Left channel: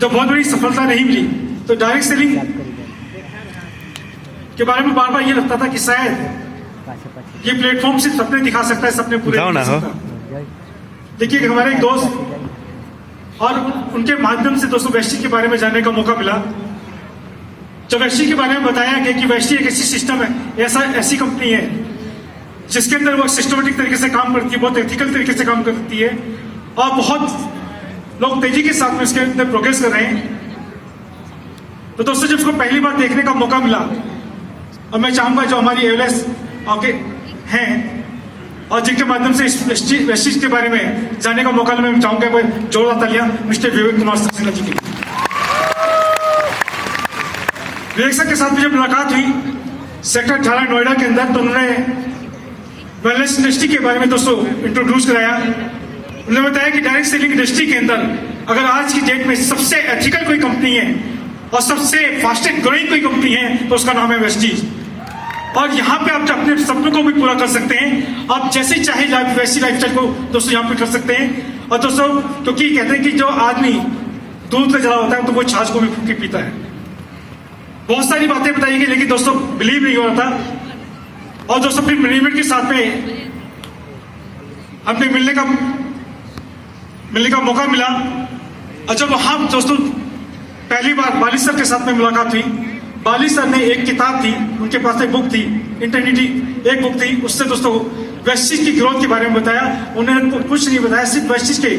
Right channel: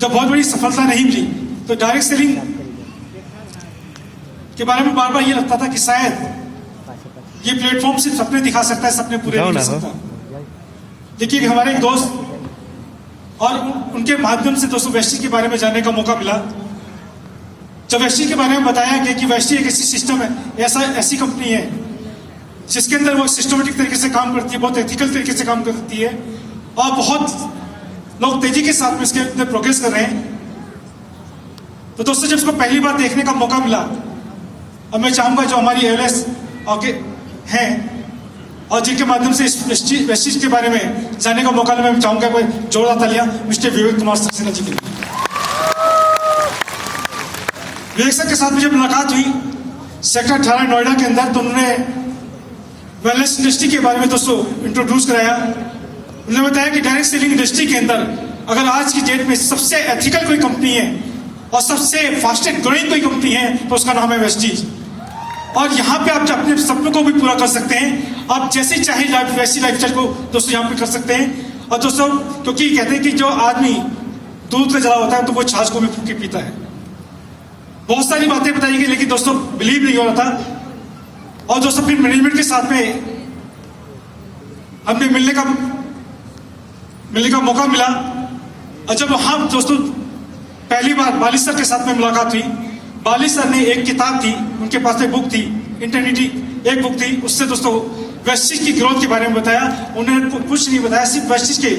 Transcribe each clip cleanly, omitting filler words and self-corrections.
तो बहुत बड़ी सफलता नहीं मिली। तो डायरेक्ट सेलिंग के बारे में बार बार ये लगता था कि शायद ये प्लेटफॉर्म सिर्फ सपने दिखा सकता है, सपने पूरे नहीं कर सकता। देखिए हमारे एक दोस्त और उनके माध्यम से दोस्तों वेस्टीज के बारे में जानने का मौका मिला। जब वेस्टीज के बारे में बताया गया कि वेस्टीज एक ऐसी सिस्टम है, ऐसी कंपनी है जिसके अंदर वो सिस्टमेटिक तरीके से काम करती है, बहुत एथिकल तरीके से काम करती है और बहुत लोग तेजी के साथ में इसके अंदर प्रोग्रेस कर रहे हैं। तो दोस्तों जब उसको पहली बार देखने का मौका मिला, और मैं चाहूंगा जो हमारी एवलेस हैं और जिनके माध्यम से इस वेस्टीज के बारे में जानने का मौका मैं चाहूंगा जोरदार तालियां मिस्टर विवेक कुमार सक्सेना जी के लिए। विवेक सर के साथ मुझे मुलाकात हुई सेक्टर 18 नोएडा के अंदर। तो उन्होंने वेलनेस इंडस्ट्री के बारे में दोस्तों इंट्रोड्यूस कराया। उन्होंने बताया कि डायरेक्ट सेलिंग इंडस्ट्री के अंदर अगर आज की डेट में सबसे एथिकल कोई कंपनी है और सबसे फास्टेस्ट ग्रोइंग कोई कंपनी है तो उसका नाम है वेस्टीज। और यहाँ पे आप अपने सपनों को भी पूरा कर सकते हैं, आप जैसे चाहे वैसी लाइफस्टाइल को दोस्तों यहाँ पे कर सकते हैं। और दोस्तों क्योंकि कहते हैं कि जो आदमी दूध का जला होता है तो वो छाछ को भी फूक के पीता है। बहुत सारी बातें बताई गई लेकिन दोस्तों बिलीव नहीं हो रहा था। और दोस्तों फिर मैनेजमेंट के साथ में हमने मिलने का मौका मिला। और जब वहां दोस्तों पहली बार बाली सर के साथ में मुलाकात हुई, बाली सर ने एक किताब थी, उनके पास एक बुक थी, इंटरनिटी एक बुक थी, उससे दोस्तों वेस्टीज की ग्रोथ के बारे में बताया। उन्होंने कुछ नहीं बताया, सिर्फ वेस्टीज के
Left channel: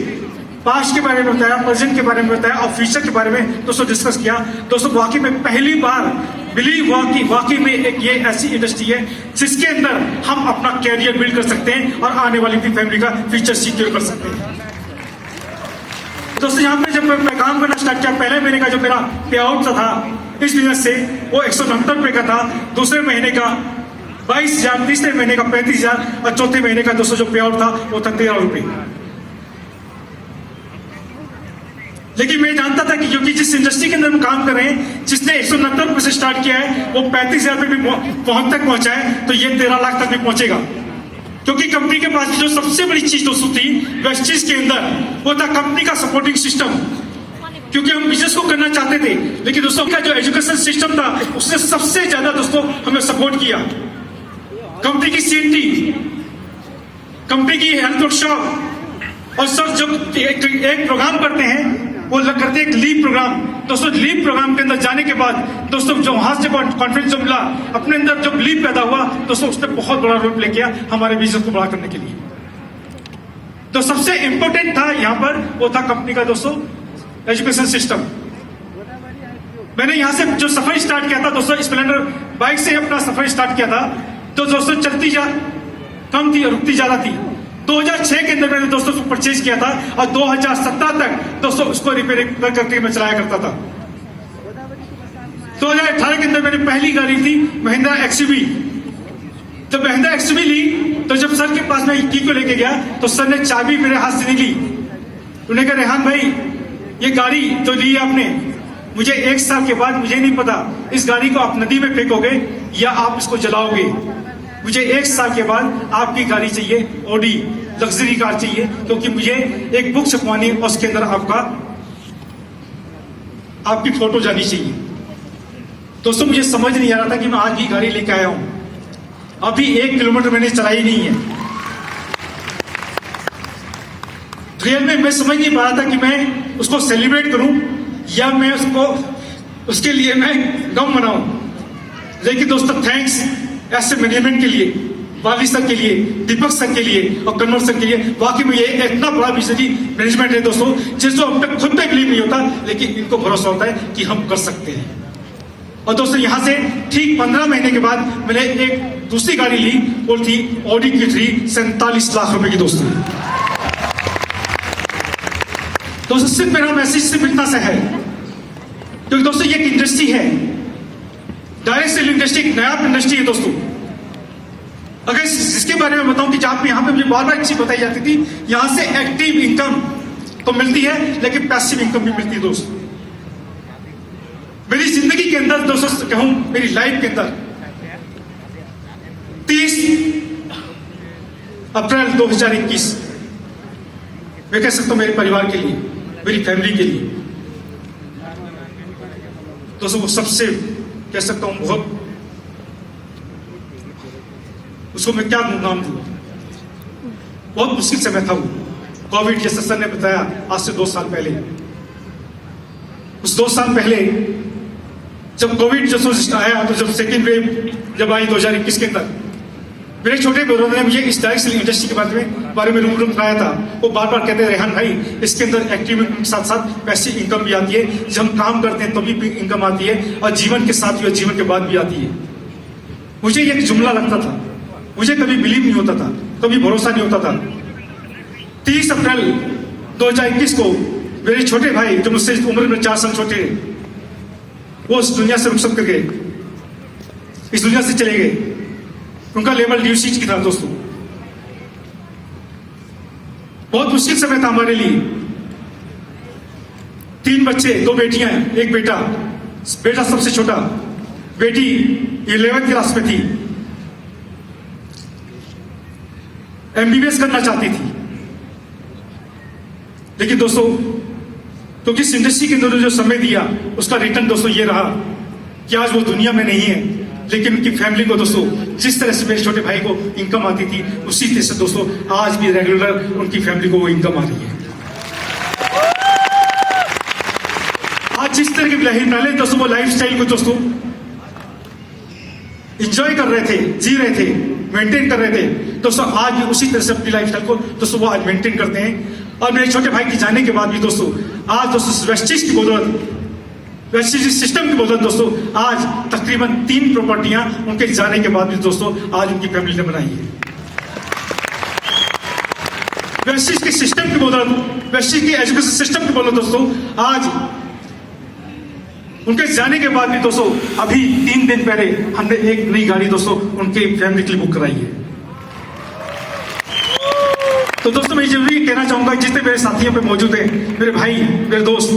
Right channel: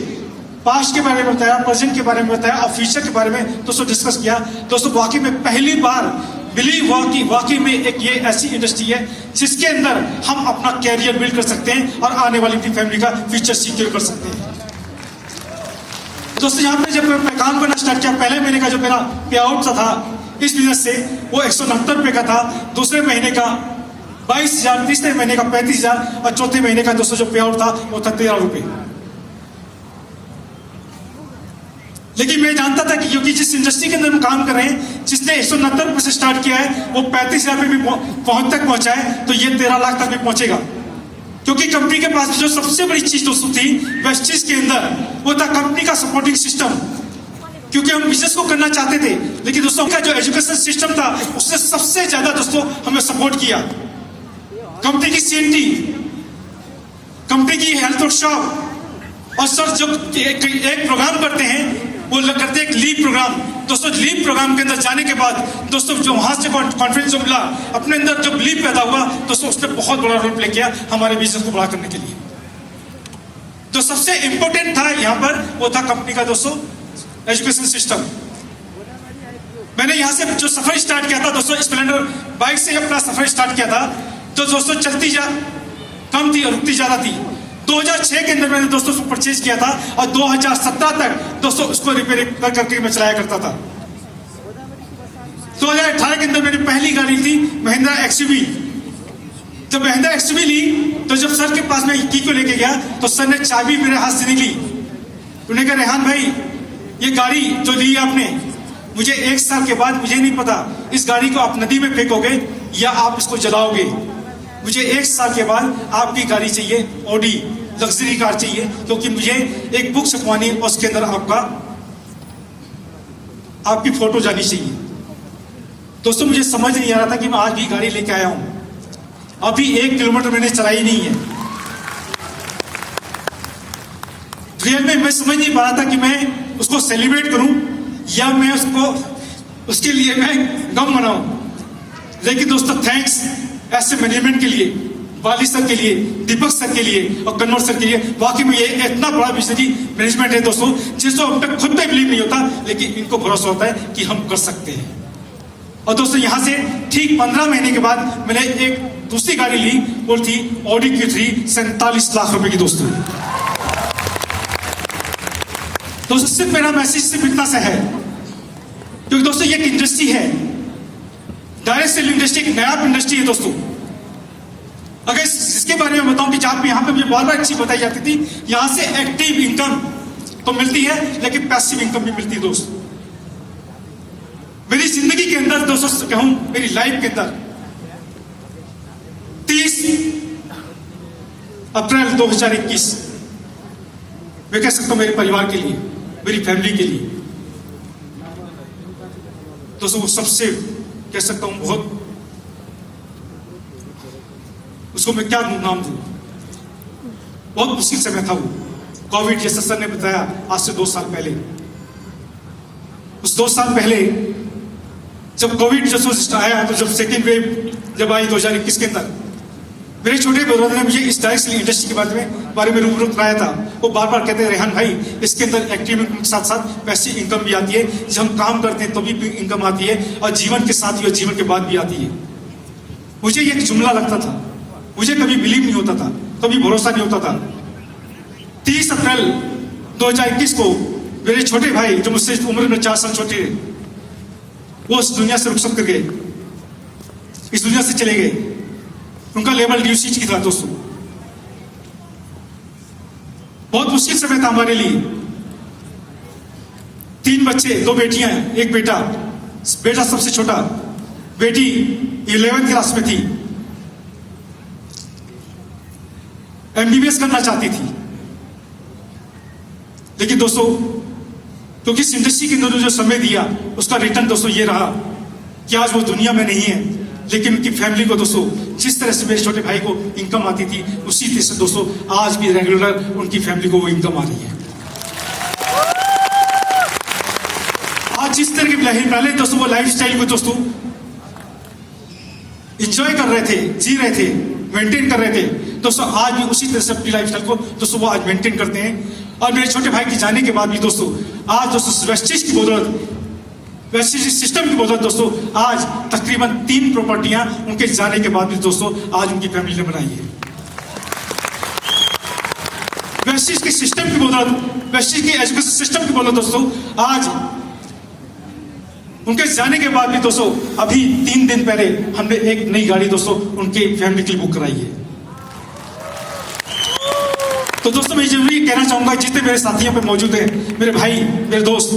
पास्ट के बारे में बताया, प्रेजेंट के बारे में बताया और फ्यूचर के बारे में दोस्तों डिस्कस किया। दोस्तों वाकई में पहली बार बिलीव हुआ कि वाकई में एक ये ऐसी इंडस्ट्री है जिसके अंदर हम अपना कैरियर बिल्ड कर सकते हैं और आने वाली अपनी फैमिली का फ्यूचर सिक्योर कर सकते हैं। दोस्तों यहाँ पे जब मैं काम करना स्टार्ट किया, पहले महीने का जो मेरा पे आउट था इस बिजनेस से वो 169 रुपए का था, दूसरे महीने का 22,000, तीसरे महीने का 35,000 और चौथे महीने का दोस्तों जो पे आउट था वो था 13 रुपए। लेकिन मैं जानता था कि क्योंकि जिस इंडस्ट्री के अंदर हम काम कर रहे हैं, जिसने 190 रुपए से स्टार्ट किया है वो 35,000 पे भी तक पहुंचा है, तो ये 13 लाख तक भी पहुंचेगा। क्योंकि कंपनी के पास जो सबसे बड़ी चीज दोस्तों थी वेस्टीज के अंदर वो था कंपनी का सपोर्टिंग सिस्टम। क्योंकि हम बिजनेस को करना चाहते थे लेकिन दोस्तों का जो एजुकेशन सिस्टम था उसने सबसे ज्यादा दोस्तों हमें सपोर्ट किया। कंपनी की सीएनटी, कंपनी की हेल्थ वर्कशॉप और सर जो एक प्रोग्राम करते हैं वो करते हैं एक लीव प्रोग्राम। दोस्तों लीव प्रोग्राम के अंदर जाने के बाद दोस्तों जो वहां से कॉन्फिडेंस जो मिला, अपने अंदर जब लीव पैदा हुआ दोस्तों उसने बहुत बड़ा रोल प्ले किया हमारे बिजनेस को बड़ा करने के लिए। तो सबसे इंपॉर्टेंट था यहाँ पर वो था कंपनी का दोस्तों एजुकेशन सिस्टम। मैंने यहाँ से जो सफर स्टार्ट किया था दोस्तों स्प्लेंडर बाइक से अपना सफर स्टार्ट किया था, तो दोस्तों चलती कम थी और रुकती ज्यादा थी। 2006 के अंदर मैंने दोस्तों उसको परचेज किया था और 2017 तक दोस्तों उसको रिपेयर करके मैं चलाया करता था। 2018 के अंदर मैंने पहली गाड़ी ली महिंद्रा एक्सयूवी। जब महिंद्रा एक्सयूवी ली तो जब सर के पास मैं की को लेके गया तो सर ने चाबी मेरे हाथ से नहीं ली। उन्होंने कहा रेहान भाई ये गाड़ी जो ली है आपने, मुझे 1 साल के बाद मुझे नहीं पता इस गाड़ी को आप नदी में फेंकोगे या आप इसको जलाओगे। मुझे 1 साल के बाद आपकी गाड़ी चाहिए, ऑडी लग्जरी कार चाहिए, क्योंकि मुझे एक बुक छपवानी और उसके अंदर आपकी फोटो जानी चाहिए। दोस्तों मुझे समझ नहीं आ रहा था कि मैं आज भी गाड़ी लेके आया हूं, अभी 1 किलोमीटर मैंने चलाई नहीं है। रियल में मैं समझ नहीं पा रहा था कि मैं उसको सेलिब्रेट करूं या मैं उसके लिए मैं गम मनाऊं। लेकिन दोस्तों थैंक्स ऐसे मैनेजमेंट के लिए, वाली सर के लिए, दीपक सर के लिए और कन्वर सर के लिए। वाकई में ये इतना बड़ा बिजनेस मैनेजमेंट है दोस्तों जिसको हम पे खुद पे बिलीव नहीं होता लेकिन इनको भरोसा होता है कि हम कर सकते हैं। और दोस्तों यहां से ठीक 15 महीने के बाद मैंने एक दूसरी गाड़ी ली, वो थी ऑडी Q3 47 लाख रुपए की। दोस्तों सिर्फ मेरा मैसेज सिर्फ इतना सा है, क्योंकि दोस्तों ये एक इंडस्ट्री है, डायरेक्ट सेल इंडस्ट्री एक नया इंडस्ट्री है दोस्तों। अगर इसके बारे में बताऊं कि जहां पे यहाँ पे मुझे बार बार चीज बताई जाती थी, यहां से एक्टिव इनकम तो मिलती है लेकिन पैसिव इनकम भी मिलती है दोस्तों। मेरी जिंदगी के अंदर दोस्तों कहूं, मेरी लाइफ के अंदर 30 अप्रैल 2021 मैं कह सकता हूं मेरे परिवार के लिए, मेरी फैमिली के लिए दोस्तों वो सबसे कह सकता हूं बहुत, उसको मैं क्या नाम दूं, बहुत मुश्किल समय था वो। कोविड जैसे सर ने बताया आज से 2 साल पहले, उस 2 साल पहले जब कोविड जैसे आया, तो जब सेकेंड वेव जब आई 2021 के अंदर, मेरे छोटे ब्रदर ने मुझे इस डायरेक्ट इंडस्ट्री के बारे में रूबरू कराया था। वो बार बार कहते रेहान भाई, इसके अंदर एक्टिविटी के साथ साथ पैसे इनकम भी आती है, जब हम काम करते हैं तभी भी इनकम आती है, और जीवन के साथ भी और जीवन के बाद भी आती है। मुझे ये जुमला लगता था, मुझे कभी बिलीव नहीं होता था, कभी भरोसा नहीं होता था। 30 अप्रैल 2021 को मेरे छोटे भाई जो मुझसे उम्र में 4 साल छोटे थे, वो इस दुनिया से रुखसत कर गए, इस दुनिया से चले गए। उनका लेवल ड्यूसीज की था दोस्तों। बहुत मुश्किल समय था हमारे लिए। 3 बच्चे, 2 बेटियां, 1 बेटा। बेटा सबसे छोटा, बेटी 11th क्लास में थी, MBBS करना चाहती थी। लेकिन दोस्तों, क्योंकि इस इंडस्ट्री के अंदर जो समय दिया, उसका रिटर्न दोस्तों ये रहा कि आज वो दुनिया में नहीं है, लेकिन उनकी फैमिली को दोस्तों जिस तरह से मेरे छोटे भाई को इनकम आती थी, उसी तरह से दोस्तों आज भी रेगुलर उनकी फैमिली को वो इनकम आ रही है। आज जिस तरह की पहले दोस्तों वो लाइफ स्टाइल को दोस्तों इंजॉय कर रहे थे, जी रहे थे, मेंटेन कर रहे थे, दोस्तों आज भी उसी तरह से अपनी लाइफ स्टाइल को दोस्तों वो आज मेंटेन करते हैं। और मेरे छोटे भाई के जाने के बाद भी दोस्तों आज दोस्तों वेस्टेज की बदौलत, वेस्टेज सिस्टम की बदौलत दोस्तों आज तकरीबन 3 प्रॉपर्टियां उनके जाने के बाद भी दोस्तों आज उनकी फैमिली ने बनाई है। वेस्टेज के सिस्टम की बदौलत, वेस्टेज के एजुकेशन सिस्टम की बदौलत दोस्तों आज उनके जाने के बाद भी दोस्तों अभी 3 दिन पहले हमने एक नई गाड़ी दोस्तों उनके फैमिली के लिए बुक कराई है। तो दोस्तों मैं जरूरी कहना चाहूंगा, जितने मेरे साथियों पे मौजूद हैं, मेरे भाई, मेरे दोस्त,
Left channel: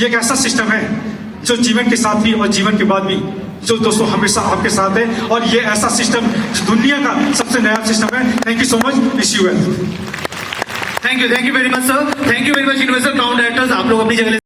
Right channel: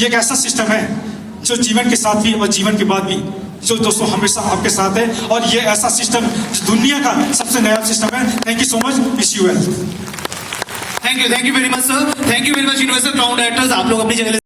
ये एक ऐसा सिस्टम है जो जीवन के साथ भी और जीवन के बाद भी जो दोस्तों हमेशा आपके साथ है, और ये ऐसा सिस्टम दुनिया का सबसे नया सिस्टम है। Thank you so much, wish you well. Thank you very much sir, thank you very much universal crown directors. आप लोग अपनी जगह